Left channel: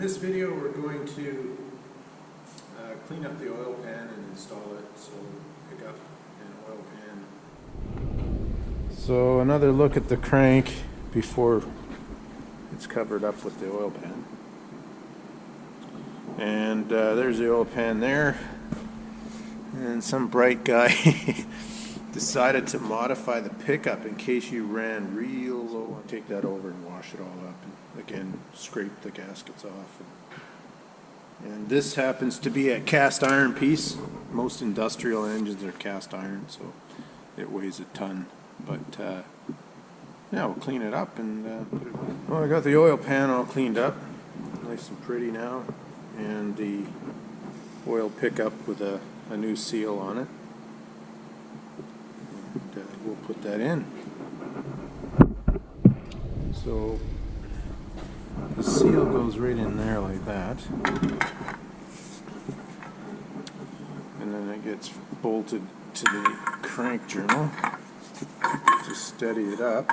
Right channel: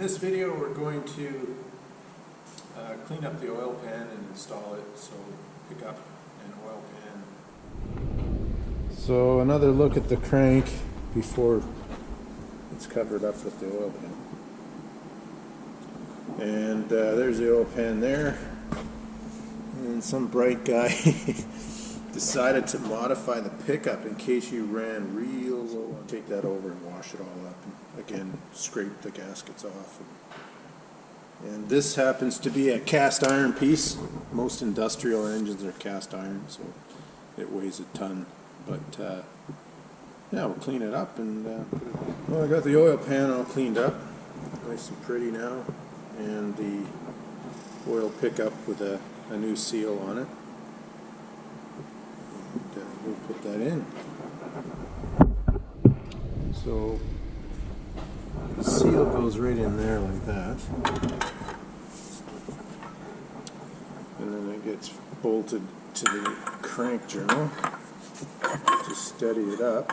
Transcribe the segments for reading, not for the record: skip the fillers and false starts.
this video we're going to clean up the oil pan and install it, so pick up an oil pan. So another look at the crank before it's covered up with the oil pan. And there's the oil pan there, and some bright guy decided to modify the pickup in case you ran real low. Take that over and wash it all up, and again scrape the gaskets off. And this happens to be a cast iron piece. Most industrial engines are cast iron, so it weighs a ton. But yeah, we'll clean it up and put it on. Well, I got the oil pan all cleaned up, nice and pretty now, and the oil pickup with a new seal on it. And we'll put that in. So the seal goes right in there like that, and then it gets bolted to the crank journal. Just steady it up.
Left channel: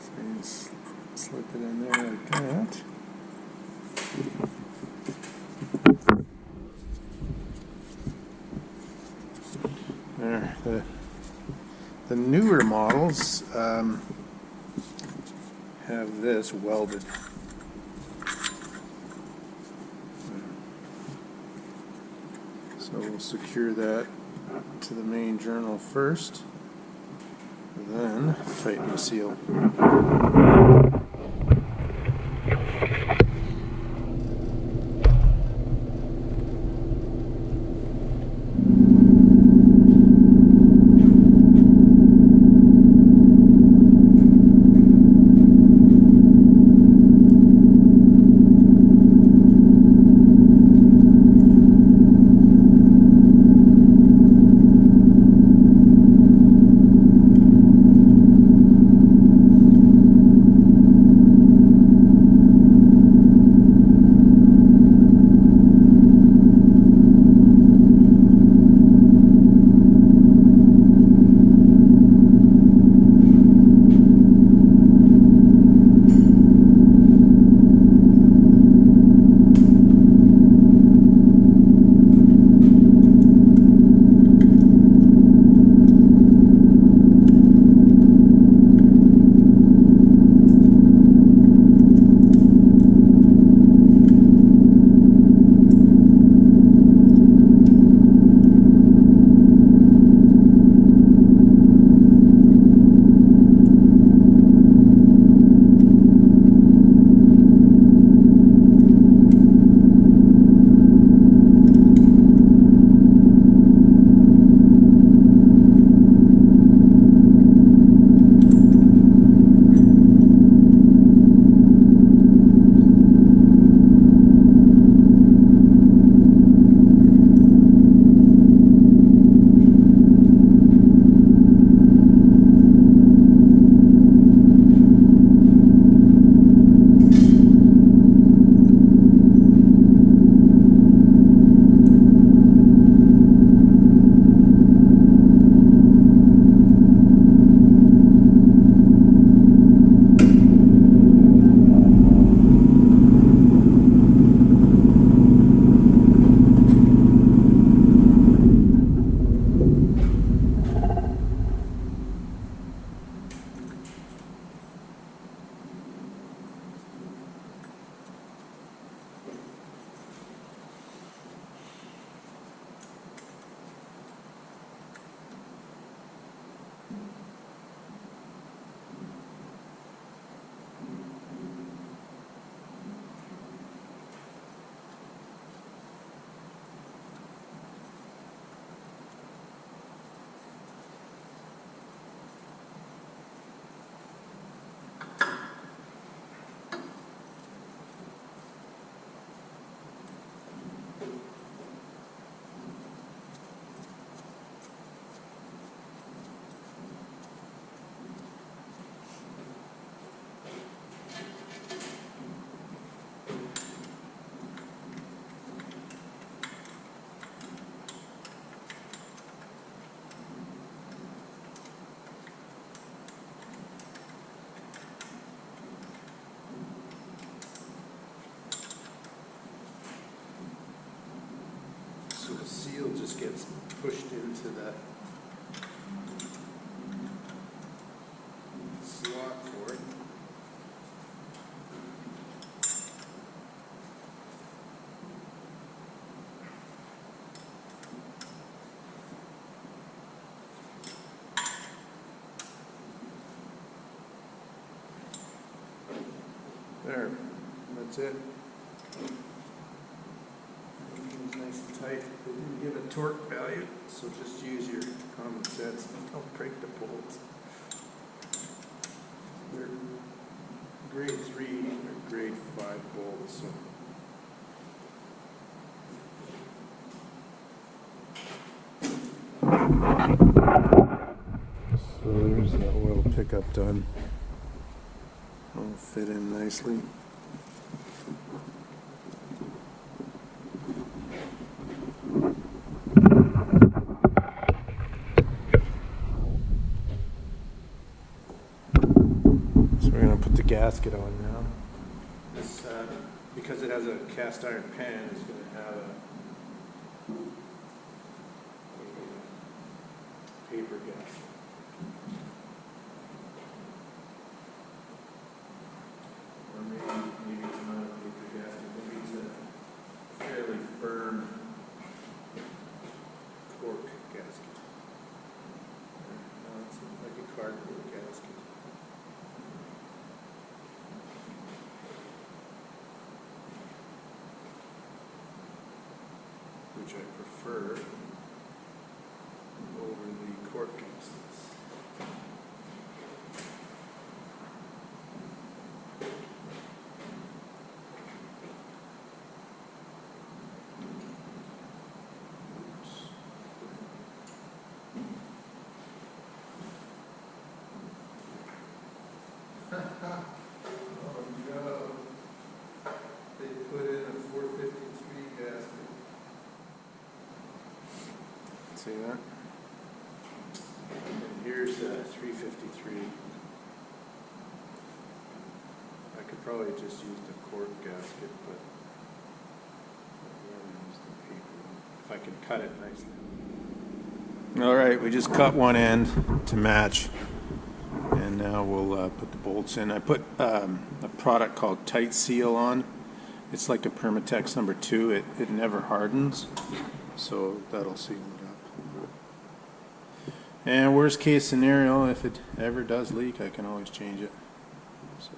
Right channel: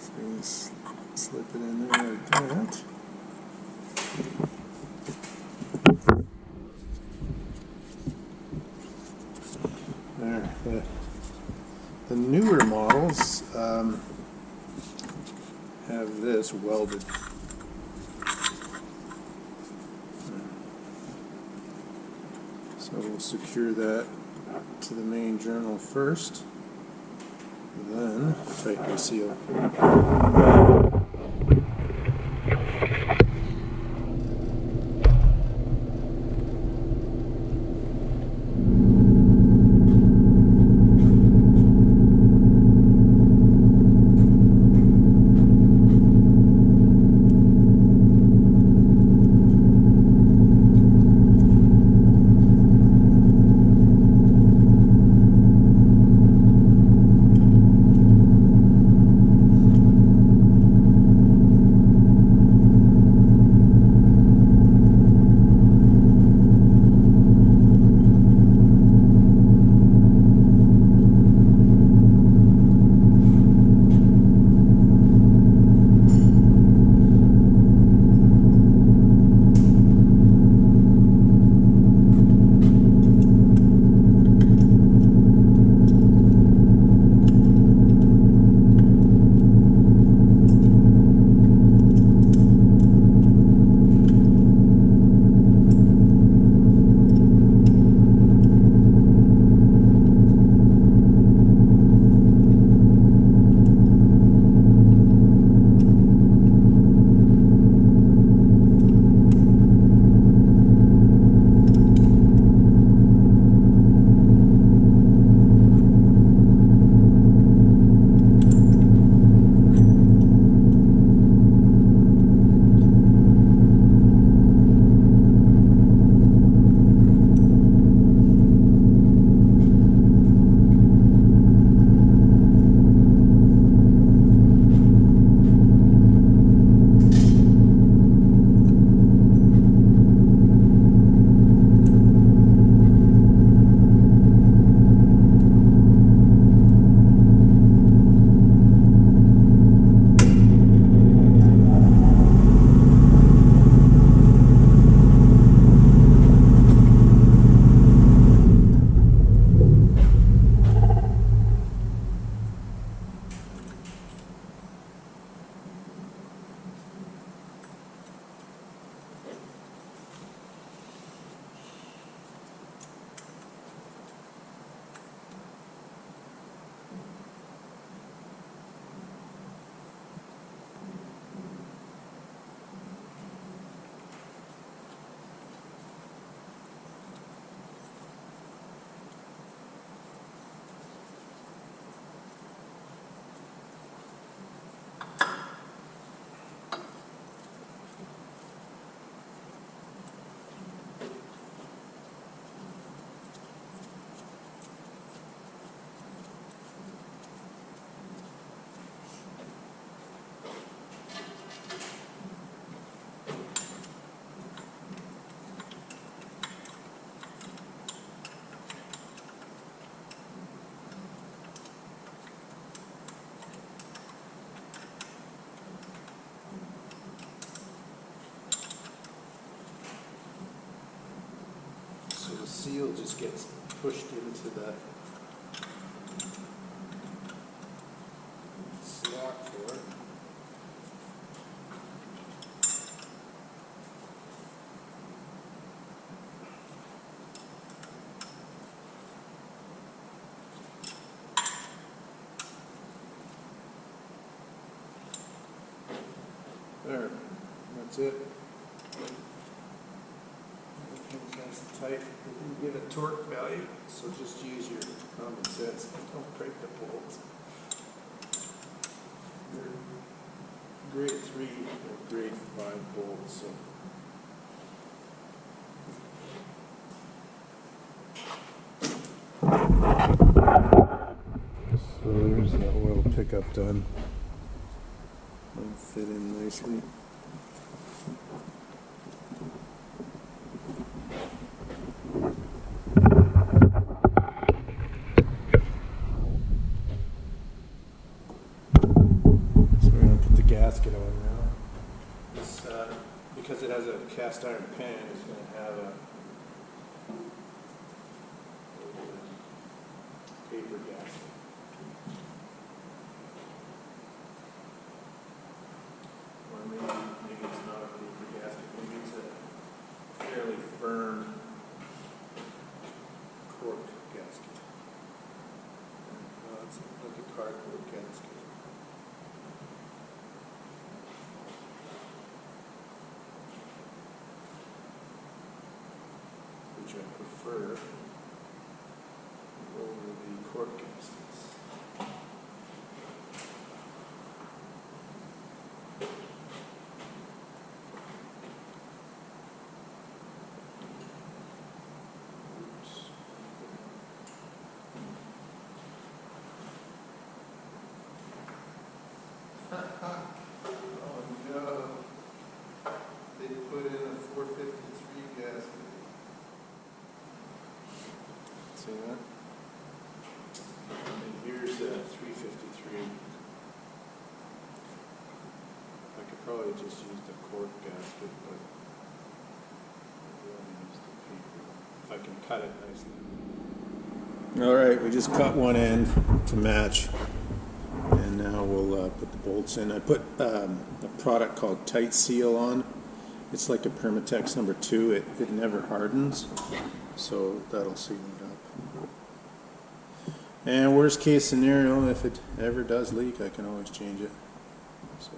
So you just slip it in there like that. There. The newer models have this welded. So we'll secure that to the main journal first, then tighten the seal. seal just gets pushed into the slot for it. There, that's it. Everything's nice and tight. They didn't give a torque value, so just use your common sense. Don't break the bolts. They're grade 3 and grade 5 bolts, so. So there's that oil pickup done. It'll fit in nicely. So we're going to put the gasket on now. This, because it has a cast iron pan, it's going to have a paper gasket. Or maybe it's not a paper gasket, maybe it's a fairly firm cork gasket. No, it's like a cardboard gasket. Which I prefer over the cork gaskets. Oops. Oh no. They put in a 453 gasket. See that? And here's a 353. I could probably just use the cork gasket, but I'd rather use the paper one, if I can cut it nicely. All right, we just cut one end to match, and now we'll put the bolts in. I put a product called Tight Seal on. It's like a Permatex number 2. It never hardens, so that'll seal it up. And worst case scenario, if it ever does leak, I can always change it. So.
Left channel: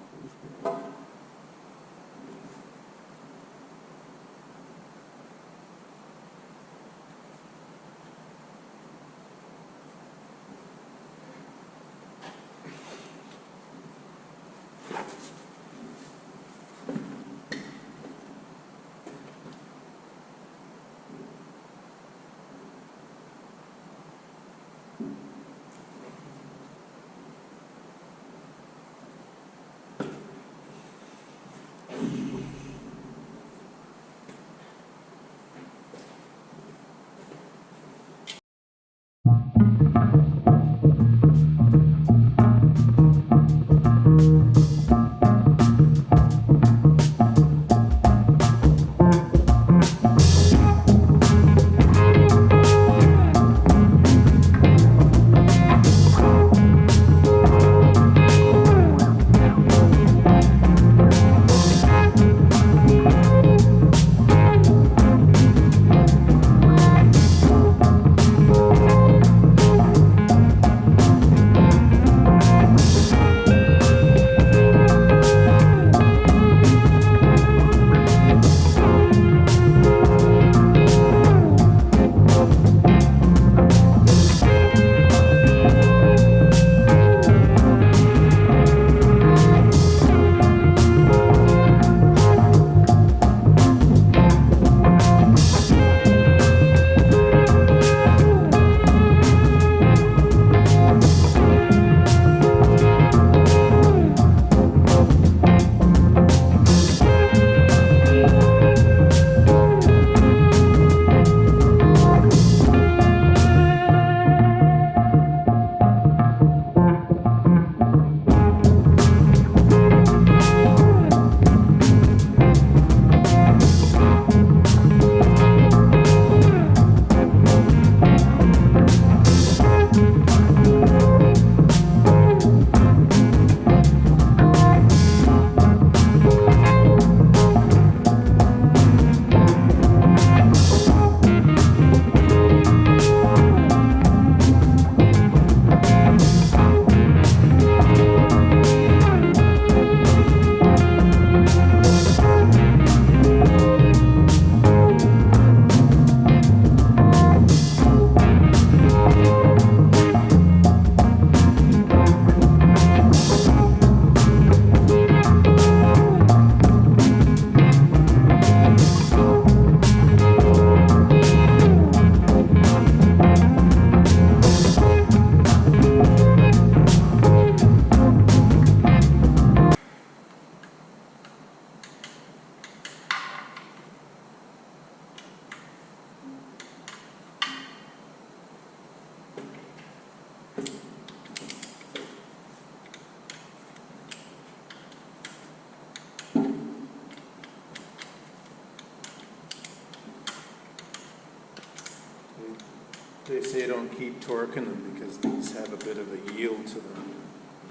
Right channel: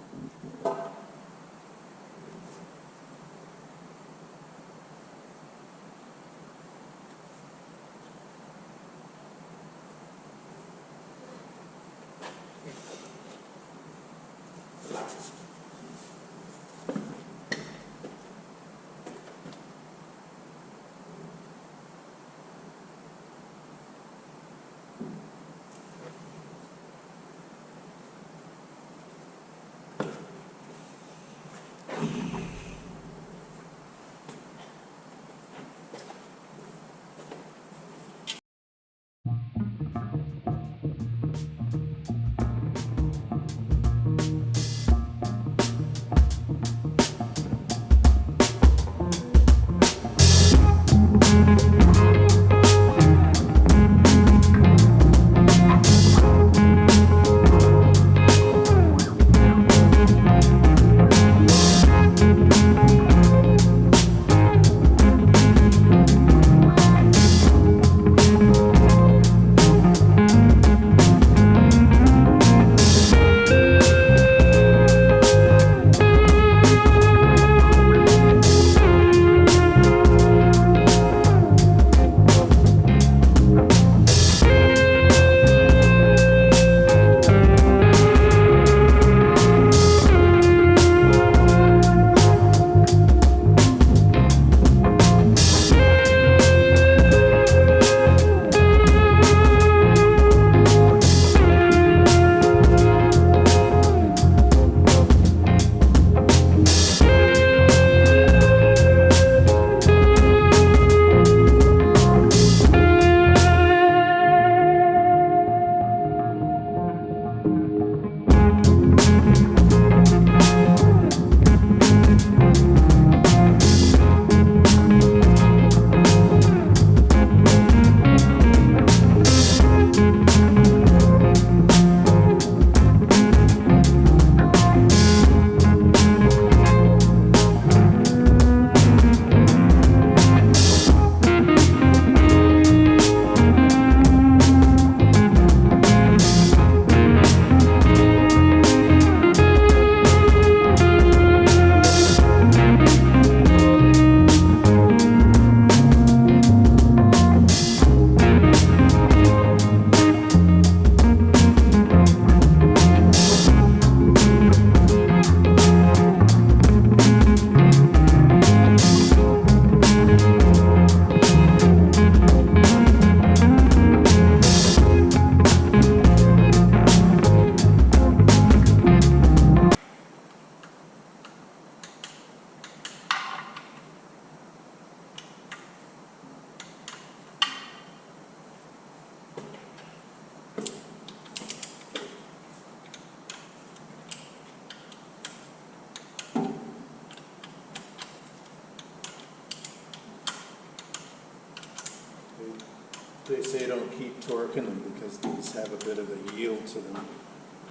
They say don't keep torquing them because these have a bit of a yield to them,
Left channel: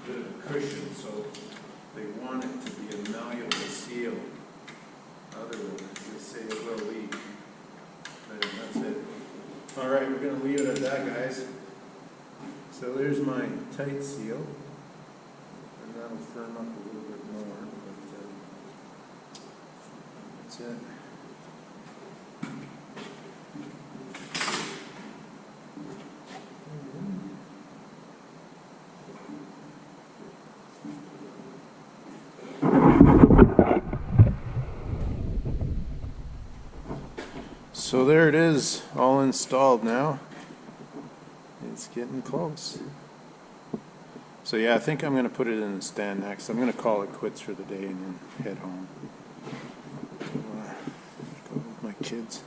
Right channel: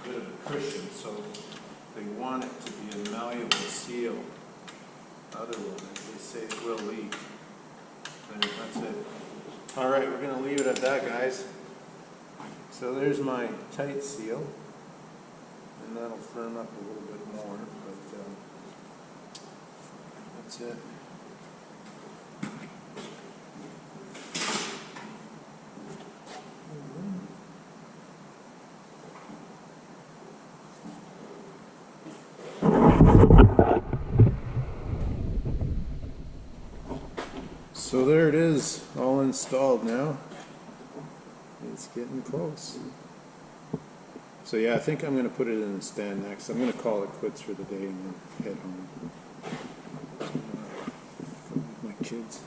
a bit of a cushion, so they want it to be a malleable seal. Other one, they say it will leak. And that's it. All right, we're going to leave it at that, guys. So there's my tight seal, and that'll firm up a little bit more, but that's it. So there it is, all installed now. It's getting close. So yeah, I think I'm going to put it in the stand next. I'm going to call it quits for the day and then head home. Go with my kids.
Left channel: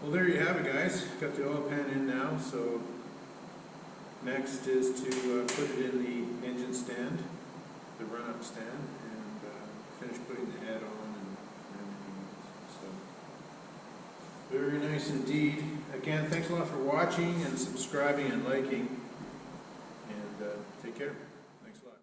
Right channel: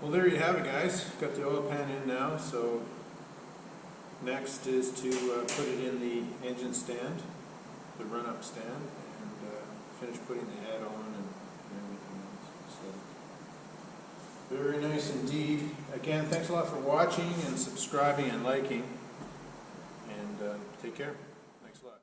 Well, there you have it, guys. Got the oil pan in now, so next is to put it in the engine stand, the run-up stand, and finish putting the head on and everything else. So, very nice indeed. Again, thanks a lot for watching and subscribing and liking, and take care.